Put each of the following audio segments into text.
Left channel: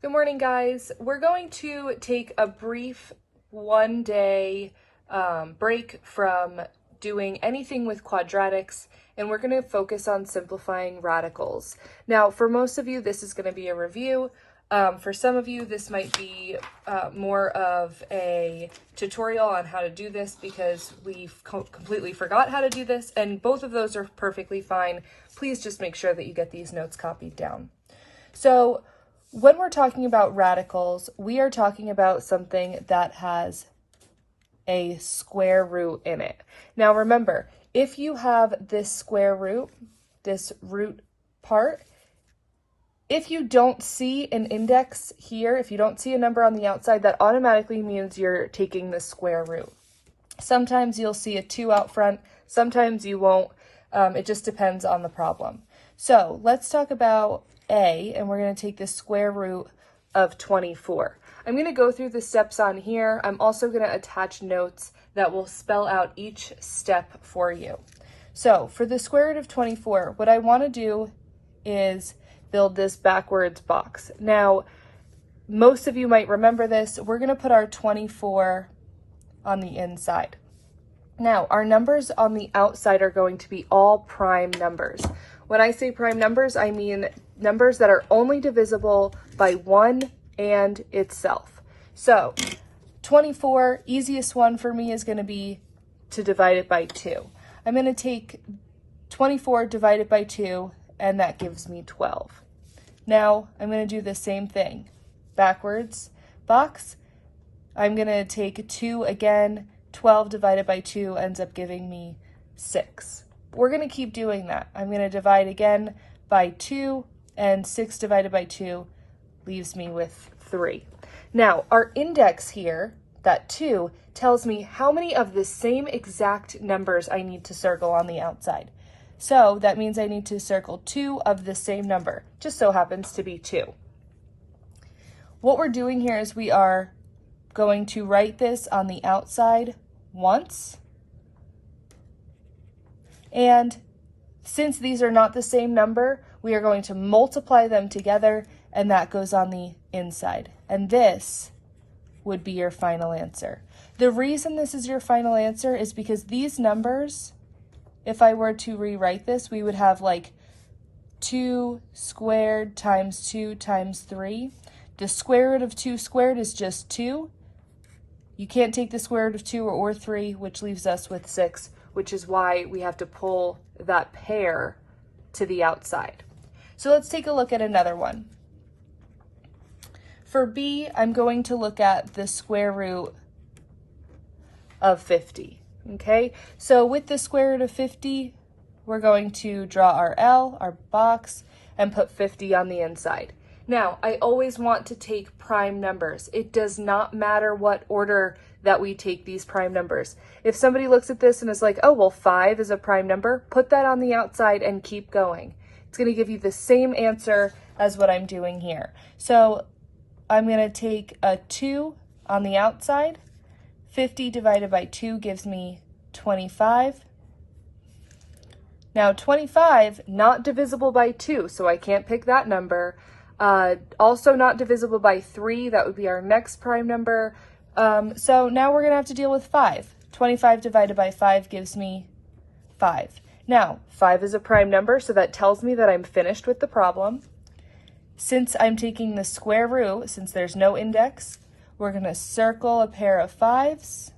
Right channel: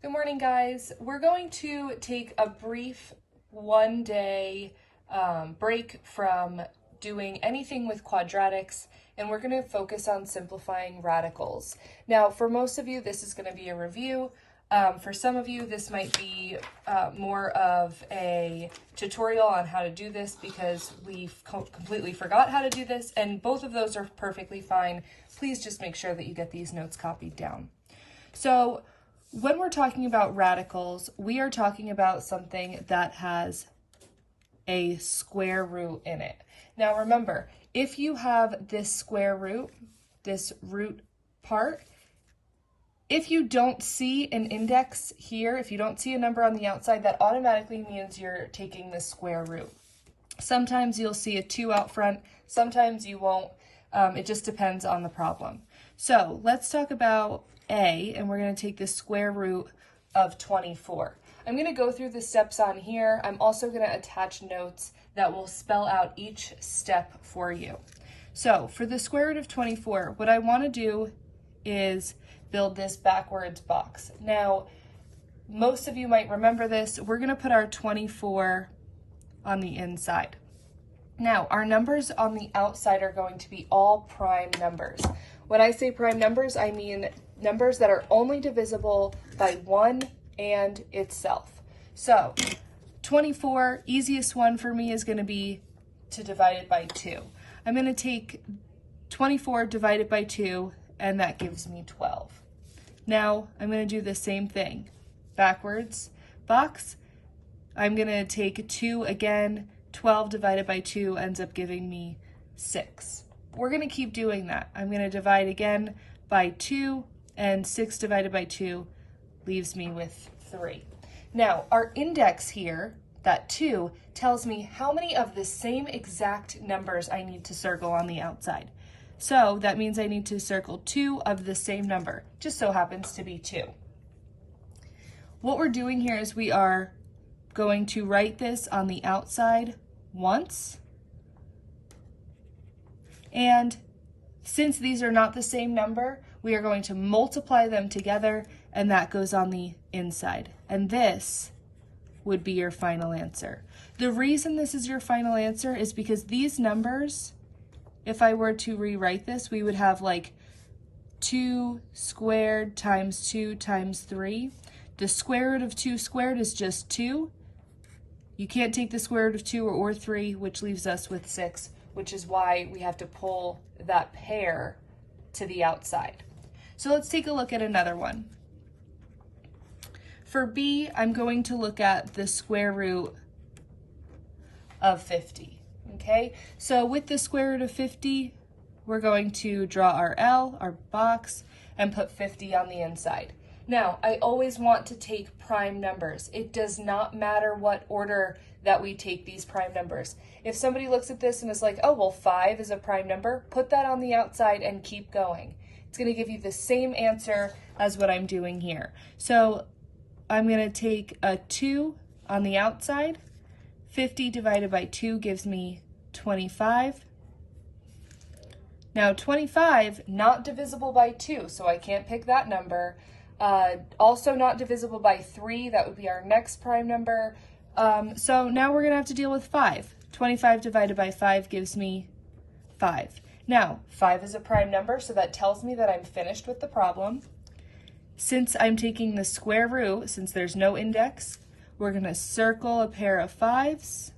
Good morning, guys. We're going to take a brief one-day break from doing anything with quadratics, and we're going to focus on simplifying radicals. Now, for most of you, this is going to be a review. For some of you, this might be more of a tutorial on how to do this because we completely forgot how to do this, and both of those are perfectly fine. Please just make sure that you get these notes copied down. So, when we're talking about radicals, we are talking about something that has a square root in it. Now remember, if you have this square root, this root part, if you don't see an index here, if you don't see a number on the outside, that automatically means you're taking the square root. Sometimes you'll see a 2 out front, sometimes you won't. It just depends on the problem. So let's talk about A, and we're going to take the square root of 24. I'm going to go through the steps on here. I'm also going to attach notes that will spell out each step for you. So for the square root of 24, what I want to do is build this backwards box. Now, most of you might remember this. We're going to put our 24 on the inside. Now, our numbers on the outside are going to be all prime numbers. When I say prime numbers, I mean numbers that are only divisible by 1 and itself. So 24, easiest one for me is going to be to divide it by 2. I'm going to take 24 divided by 2, and that gives me 12. Now I'm going to do the same thing. Backwards box, I'm going to take 2 again. 12 divided by 2 ends up giving me 6. We're going to keep doing that. I'm going to divide again by 2, and 6 divided by 2 leaves me with 3. Now, our index here, that 2, tells me how many of the same exact numbers I need to circle on the outside. So that means I need to circle 2 of the same number. Just so happens to be 2. What we're doing here is we are going to write this on the outside once. And since these are not the same number, we are going to multiply them together, and that goes on the inside. And this would be your final answer. The reason this is your final answer is because these numbers, if I were to rewrite this, we would have like 2 squared times 2 times 3. The square root of 2 squared is just 2. You can't take the square root of 2 or 3, which leaves us with 6, which is why we have to pull that pair to the outside. So let's take a look at another one. For B, I'm going to look at the square root of 50, okay? So with the square root of 50, we're going to draw our L, our box, and put 50 on the inside. Now, I always want to take prime numbers. It does not matter what order that we take these prime numbers. If somebody looks at this and is like, oh, well, 5 is a prime number, put that on the outside and keep going. It's going to give you the same answer as what I'm doing here. So I'm going to take a 2 on the outside. 50 divided by 2 gives me 25. Now, 25, not divisible by 2, so I can't pick that number. Also not divisible by 3, that would be our next prime number. So now we're going to have to deal with 5. 25 divided by 5 gives me 5. Now, 5 is a prime number, so that tells me that I'm finished with the problem. Since I'm taking the square root, since there's no index, we're going to circle a pair of 5s.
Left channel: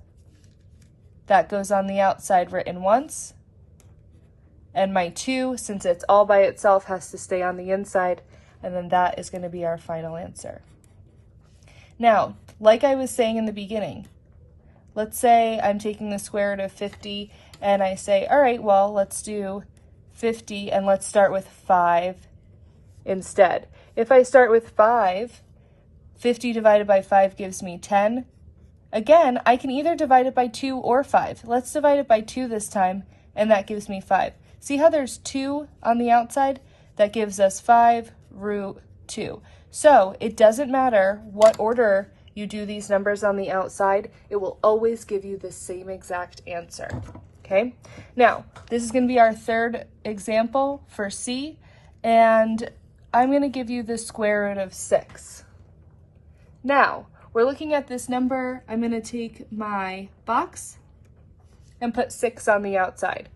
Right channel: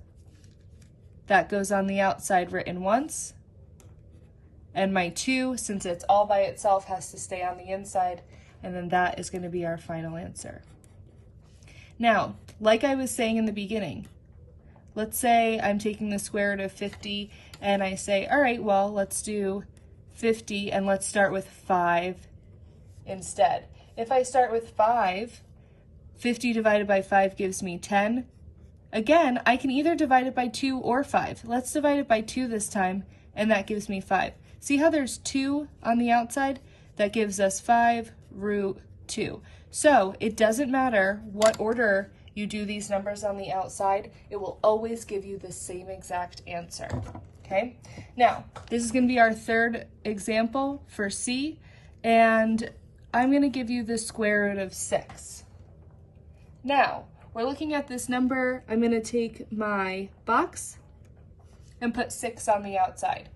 That goes on the outside written once. And my 2, since it's all by itself, has to stay on the inside. And then that is going to be our final answer. Now, like I was saying in the beginning, let's say I'm taking the square root of 50 and I say, all right, well, let's do 50 and let's start with 5 instead. If I start with 5, 50 divided by 5 gives me 10. Again, I can either divide it by 2 or 5. Let's divide it by 2 this time, and that gives me 5. See how there's 2 on the outside? That gives us 5 root 2. So it doesn't matter what order you do these numbers on the outside, it will always give you the same exact answer. Okay, now this is going to be our third example for C, and I'm going to give you the square root of 6. Now, we're looking at this number. I'm going to take my box and put 6 on the outside.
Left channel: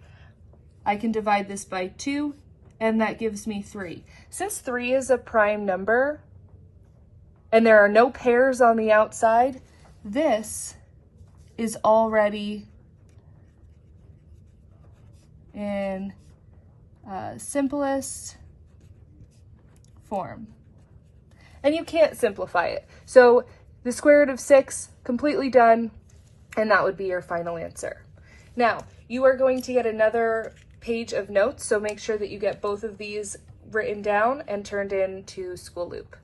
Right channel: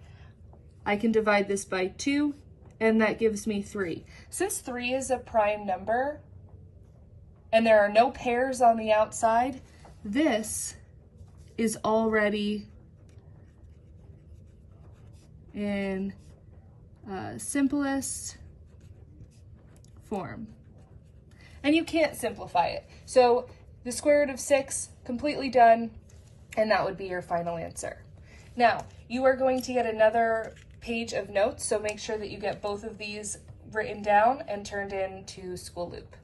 I can divide this by 2, and that gives me 3. Since 3 is a prime number, and there are no pairs on the outside, this is already in simplest form. And you can't simplify it. So the square root of 6, completely done, and that would be your final answer. Now, you are going to get another page of notes, so make sure that you get both of these written down and turned into School Loop.